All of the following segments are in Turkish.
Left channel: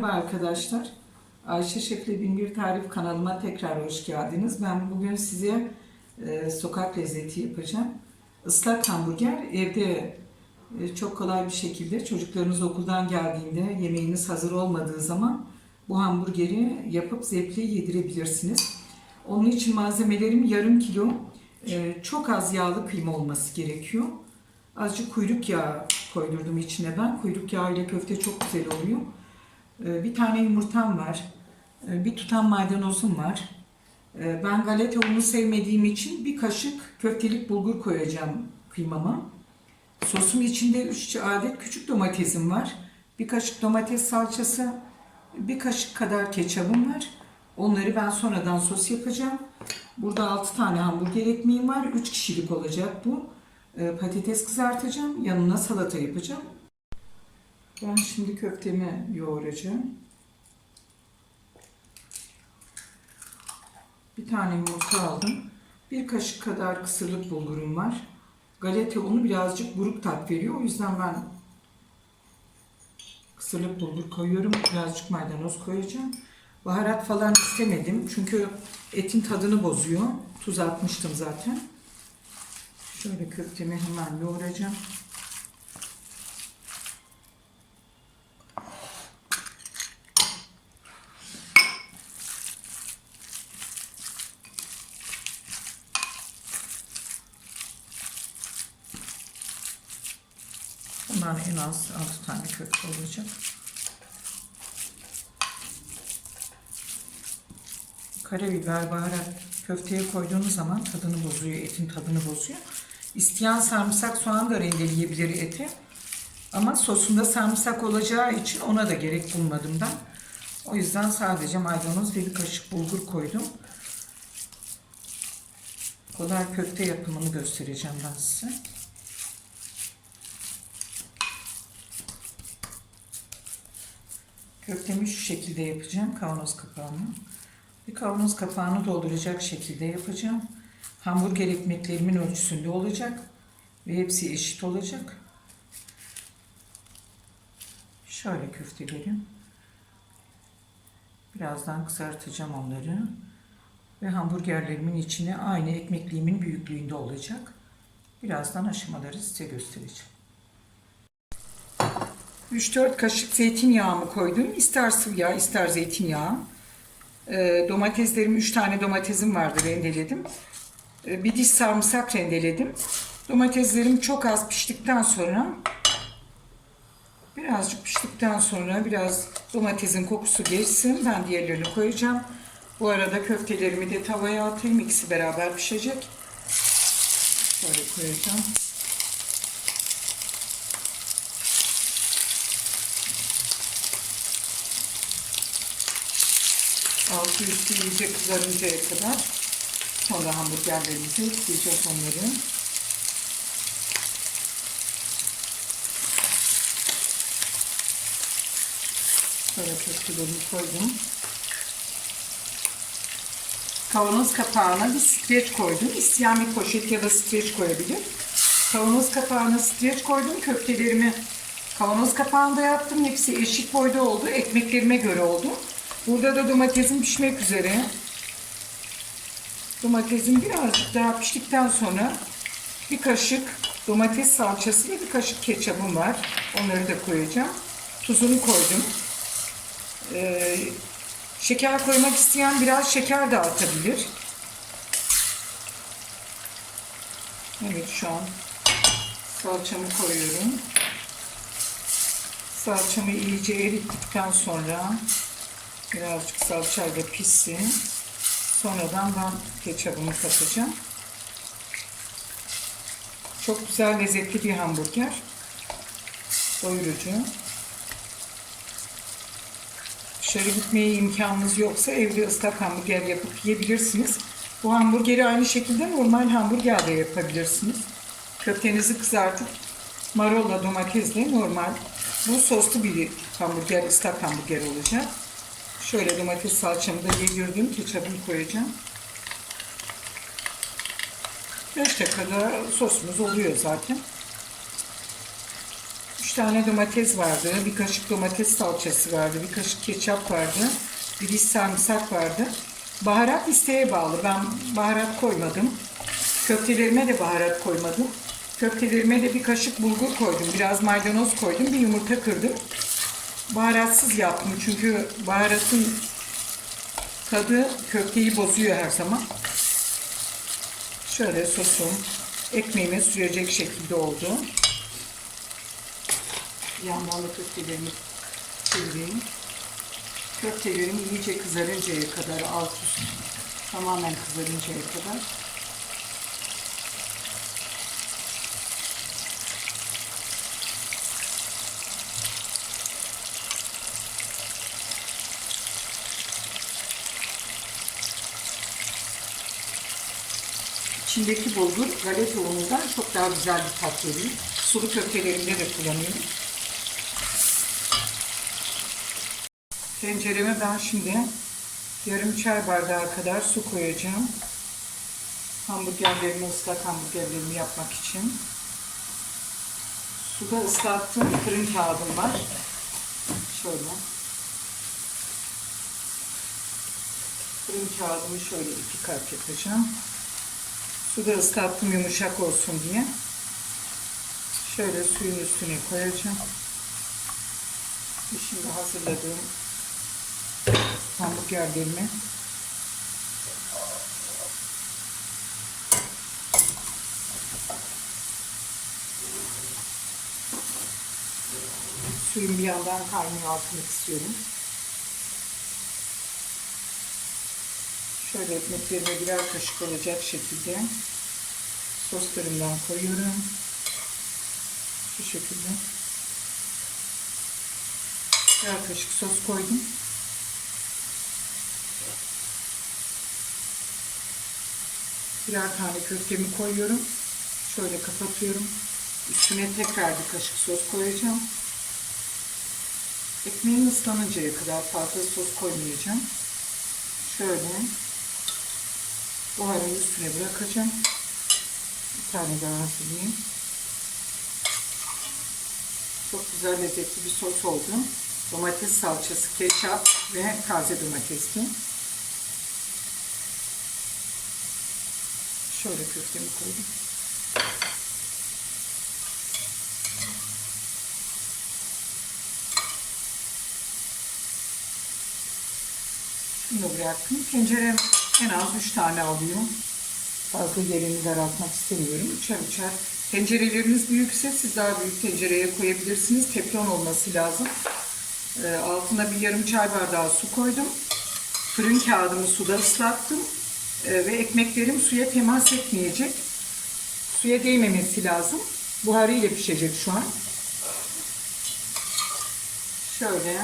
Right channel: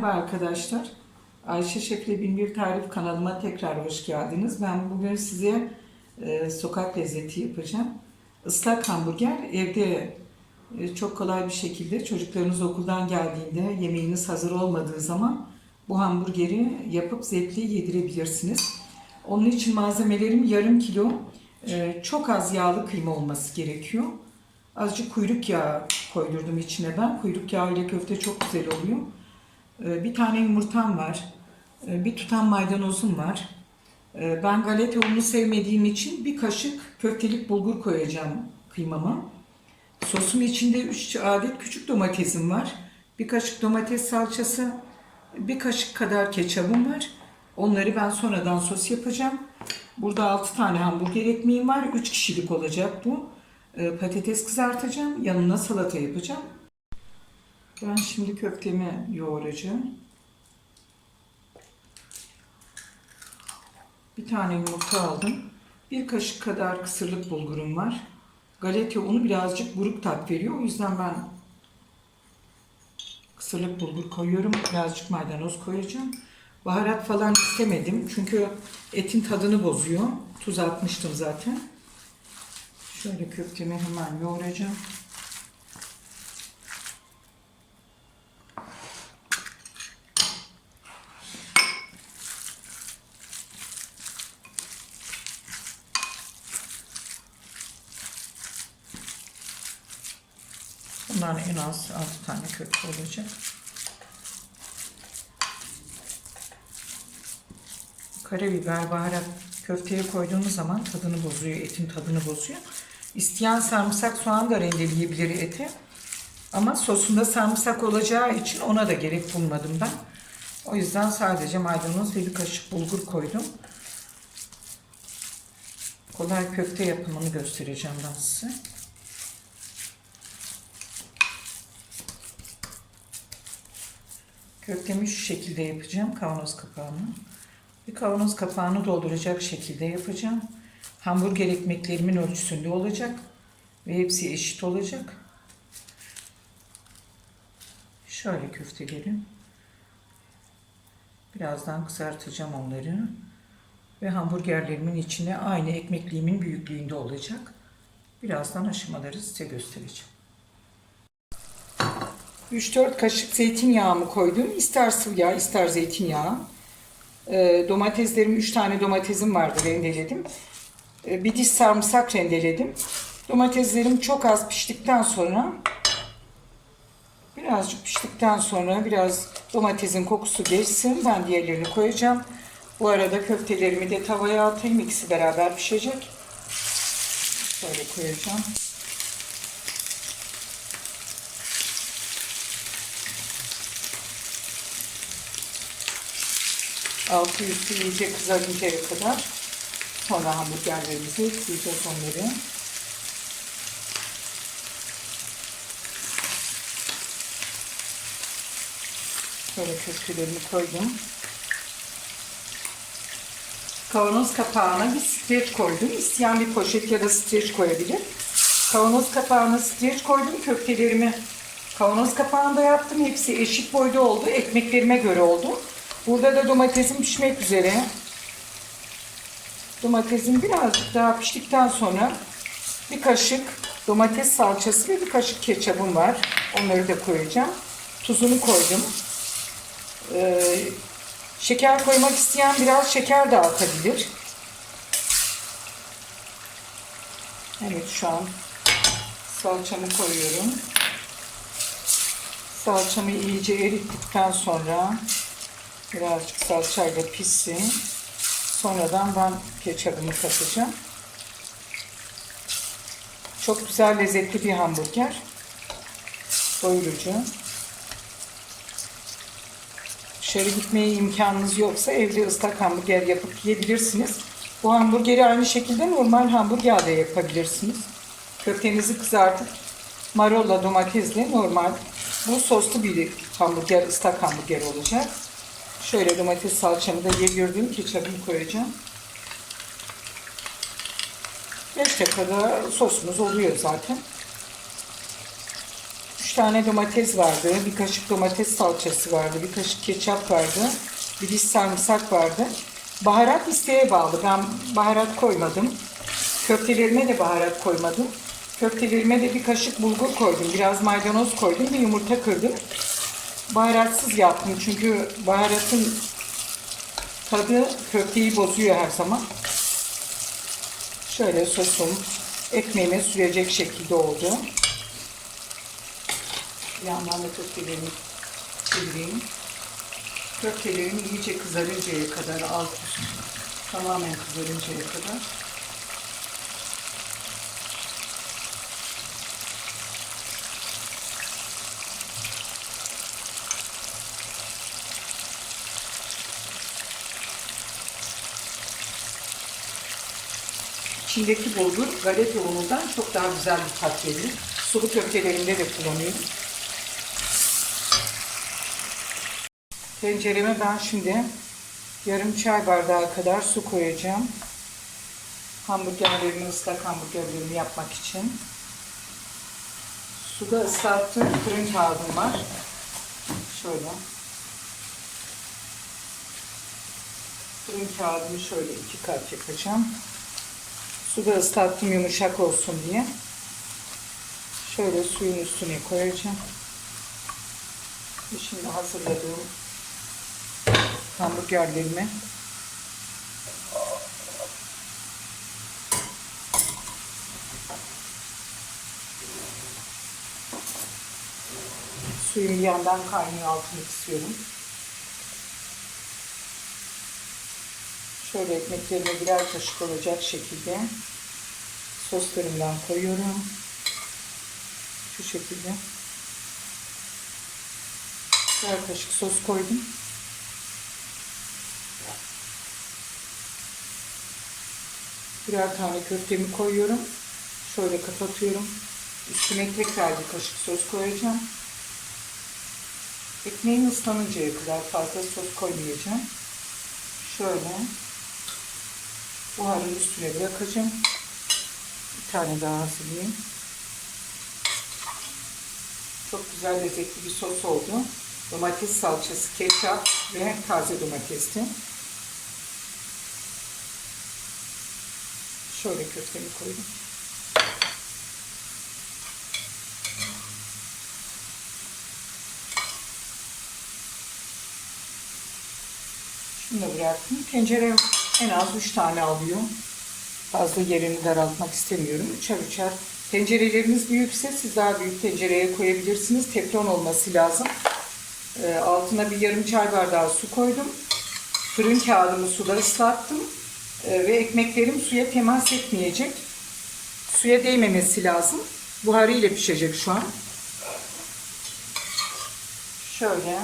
Merhaba arkadaşlar. Ayşe Şef'le Binbir Tarif kanalıma tekrar hoş geldiniz. Ben bugün size e, sokak lezzeti yapacağım. Islak hamburger evde e, çok kolay bir şekilde çocuklarınız okuldan geldiğinde yemeğiniz hazır olmadığı zaman bu hamburgeri yapıp zevkle yedirebilirsiniz. Onun için malzemelerim yarım kilo e, çok az yağlı kıyma olması gerekiyor. Azıcık kuyruk yağı koydurdum içine ben. Kuyruk yağı ile köfte çok güzel oluyor. Ee, Bir tane yumurtam var. Ee, Bir tutam maydanozum var. Ee, Ben galeta unu sevmediğim için bir kaşık köftelik bulgur koyacağım kıymama. Sosum içinde 3 adet küçük domatesim var. Bir kaşık domates salçası, bir kaşık kadar ketçabım var. Onları ben sonradan sos yapacağım. Burada 6 tane hamburger ekmeğim var. 3 kişilik olacak bu. Patates kızartacağım. Yanına salata yapacağım. Ben şimdi köftemi yoğuracağım. Bir tane yumurta aldım. Bir kaşık kadar kısırlık bulgurum var. Galeta unu birazcık buruk tat veriyor. O yüzden ben kısırlık bulgur koyuyorum. Birazcık maydanoz koyacağım. Baharat falan istemedim. Çünkü etin tadını bozuyor. Tuz atmıştım zaten. Şöyle köftemi hemen yoğuracağım. Bunlar en az 6 tane köfte olacak. Karabiber, baharat köfteye koyduğunuz zaman tadını bozuyor, etin tadını bozuyor. İsteyen sarımsak soğan da rendeleyebilir eti. Ama sosunda sarımsak olacağı için ona da gerek bulmadım ben. O yüzden sadece maydanoz ve bir kaşık bulgur koydum. Kolay köfte yapımını göstereceğim ben size. Köftemi şu şekilde yapacağım kavanoz kapağını. Bir kavanoz kapağını dolduracak şekilde yapacağım. Hamburger ekmeklerimin ölçüsünde olacak ve hepsi eşit olacak. Şöyle köftelerim. Birazdan kızartacağım onları. Ve hamburgerlerimin içine aynı ekmekliğimin büyüklüğünde olacak. Birazdan aşamaları size göstereceğim. 3-4 kaşık zeytinyağımı koydum. İster sıvı yağ, ister zeytinyağı. E, domateslerim 3 tane domatesim vardı rendeledim. E, bir diş sarımsak rendeledim. Domateslerim çok az piştikten sonra birazcık piştikten sonra biraz domatesin kokusu geçsin. Ben diğerlerini koyacağım. Bu arada köftelerimi de tavaya atayım. İkisi beraber pişecek. Şöyle koyacağım. Altı üstü iyice kızarıncaya kadar sonra hamburgerlerimizi ekleyeceğiz onları. Şöyle köftelerimi koydum. Kavanoz kapağına bir streç koydum. İsteyen bir poşet ya da streç koyabilir. Kavanoz kapağına streç koydum. Köftelerimi kavanoz kapağında yaptım. Hepsi eşit boyda oldu. Ekmeklerime göre oldu. Burada da domatesim pişmek üzere. Domatesim birazcık daha piştikten sonra bir kaşık domates salçası ve bir kaşık ketçabım var. Onları da koyacağım. Tuzunu koydum. Ee, şeker koymak isteyen biraz şeker de atabilir. Evet şu an salçamı koyuyorum. Salçamı iyice erittikten sonra birazcık salçayla pişsin. Sonradan ben ketçabını katacağım. Çok güzel lezzetli bir hamburger. Doyurucu. Dışarı gitmeye imkanınız yoksa evde ıslak hamburger yapıp yiyebilirsiniz. Bu hamburgeri aynı şekilde normal hamburgerle yapabilirsiniz. Köftenizi kızartıp marolla domatesle normal bu soslu bir hamburger, ıslak hamburger olacak. Şöyle domates salçamı da yedirdim. Ketçabını koyacağım. 5 dakikada sosumuz oluyor zaten. Bu 3 tane domates vardı, bir kaşık domates salçası vardı, bir kaşık ketçap vardı, bir diş sarımsak vardı. Baharat isteğe bağlı. Ben baharat koymadım. Köftelerime de baharat koymadım. Köftelerime de bir kaşık bulgur koydum, biraz maydanoz koydum, bir yumurta kırdım. Baharatsız yaptım çünkü baharatın tadı köfteyi bozuyor her zaman. Şöyle sosum ekmeğime sürecek şekilde oldu. Yandan da köftelerimi çevireyim. Köftelerim iyice kızarıncaya kadar alt üst tamamen kızarıncaya kadar İçindeki bulgur galeta unundan çok daha güzel bir tat veriyor. Sulu köftelerimde de kullanıyorum. Tencereme ben şimdi yarım çay bardağı kadar su koyacağım. Hamburgerlerimi, ıslak hamburgerlerimi yapmak için. Suda ıslattığım fırın kağıdım var. Şöyle. Fırın kağıdımı şöyle iki kat yapacağım. Suda ıslattım yumuşak olsun diye. Şöyle suyun üstüne koyacağım. Şimdi hazırladığım hamburgerlerimi suyun bir yandan kaynıyor altını istiyorum. Şöyle ekmeklerime birer kaşık olacak şekilde soslarımdan koyuyorum. Şu şekilde. Birer kaşık sos koydum. Birer tane köftemi koyuyorum. Şöyle kapatıyorum. Üstüne tekrar bir kaşık sos koyacağım. Ekmeğim ıslanıncaya kadar fazla sos koymayacağım. Şöyle buharın üstüne bırakacağım. Bir tane daha hazırlayayım. Çok güzel lezzetli bir sos oldu. Domates salçası, ketçap ve taze domatesli. Şöyle köftemi koydum. Şunu da bıraktım. Tencerem en az 3 tane alıyor. Fazla yerini daraltmak istemiyorum. Üçer üçer. Tencereleriniz büyükse siz daha büyük tencereye koyabilirsiniz. Teflon olması lazım. Ee, altına bir yarım çay bardağı su koydum. Fırın kağıdımı suda ıslattım. Ee, ve ekmeklerim suya temas etmeyecek. Suya değmemesi lazım. Buharı ile pişecek şu an. Şöyle.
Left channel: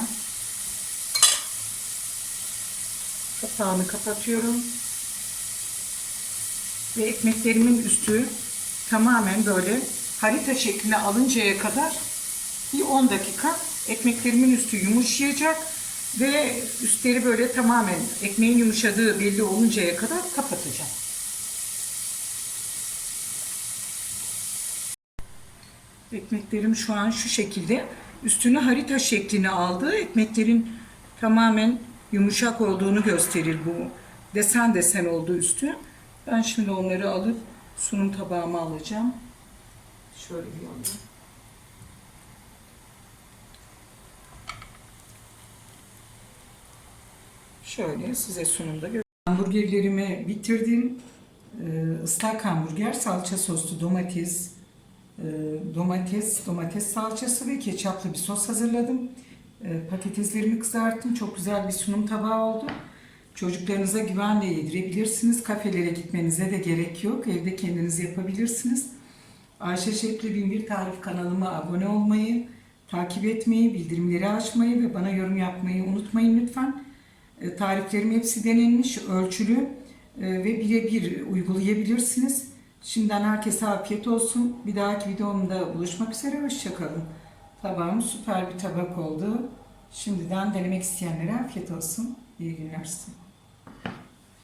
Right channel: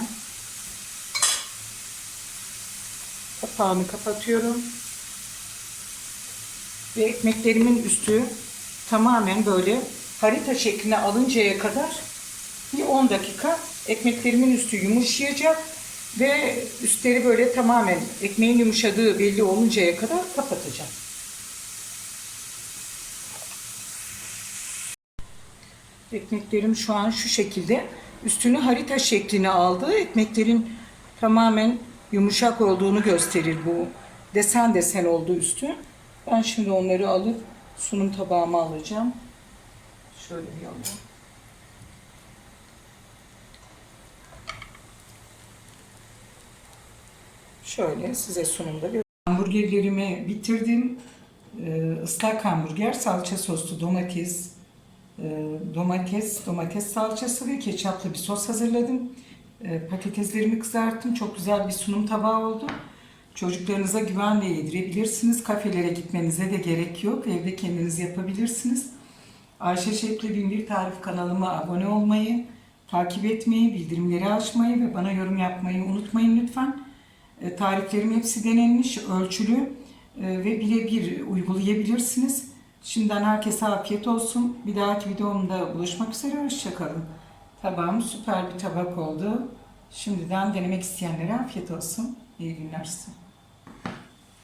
Kapağını kapatıyorum. Ve ekmeklerimin üstü tamamen böyle harita şekline alıncaya kadar bir 10 dakika ekmeklerimin üstü yumuşayacak ve üstleri böyle tamamen ekmeğin yumuşadığı belli oluncaya kadar kapatacağım. Ekmeklerim şu an şu şekilde üstünü harita şeklini aldı. Ekmeklerin tamamen yumuşak olduğunu gösterir bu. Desen desen oldu üstü. Ben şimdi onları alıp sunum tabağıma alacağım. Şöyle bir alayım. Şöyle size sunumda gö- Hamburgerlerimi bitirdim. Ee, ıslak hamburger, salça soslu domates, e, domates, domates salçası ve ketçaplı bir sos hazırladım. E, patateslerimi kızarttım. Çok güzel bir sunum tabağı oldu. Çocuklarınıza güvenle yedirebilirsiniz. Kafelere gitmenize de gerek yok. Evde kendiniz yapabilirsiniz. Ayşe Şefli Binbir Tarif kanalıma abone olmayı, takip etmeyi, bildirimleri açmayı ve bana yorum yapmayı unutmayın lütfen. E, Tariflerim hepsi denenmiş, ölçülü e, ve birebir uygulayabilirsiniz. Şimdiden herkese afiyet olsun. Bir dahaki videomda buluşmak üzere. Hoşçakalın. Tabağım süper bir tabak oldu. Şimdiden denemek isteyenlere afiyet olsun. İyi günler size.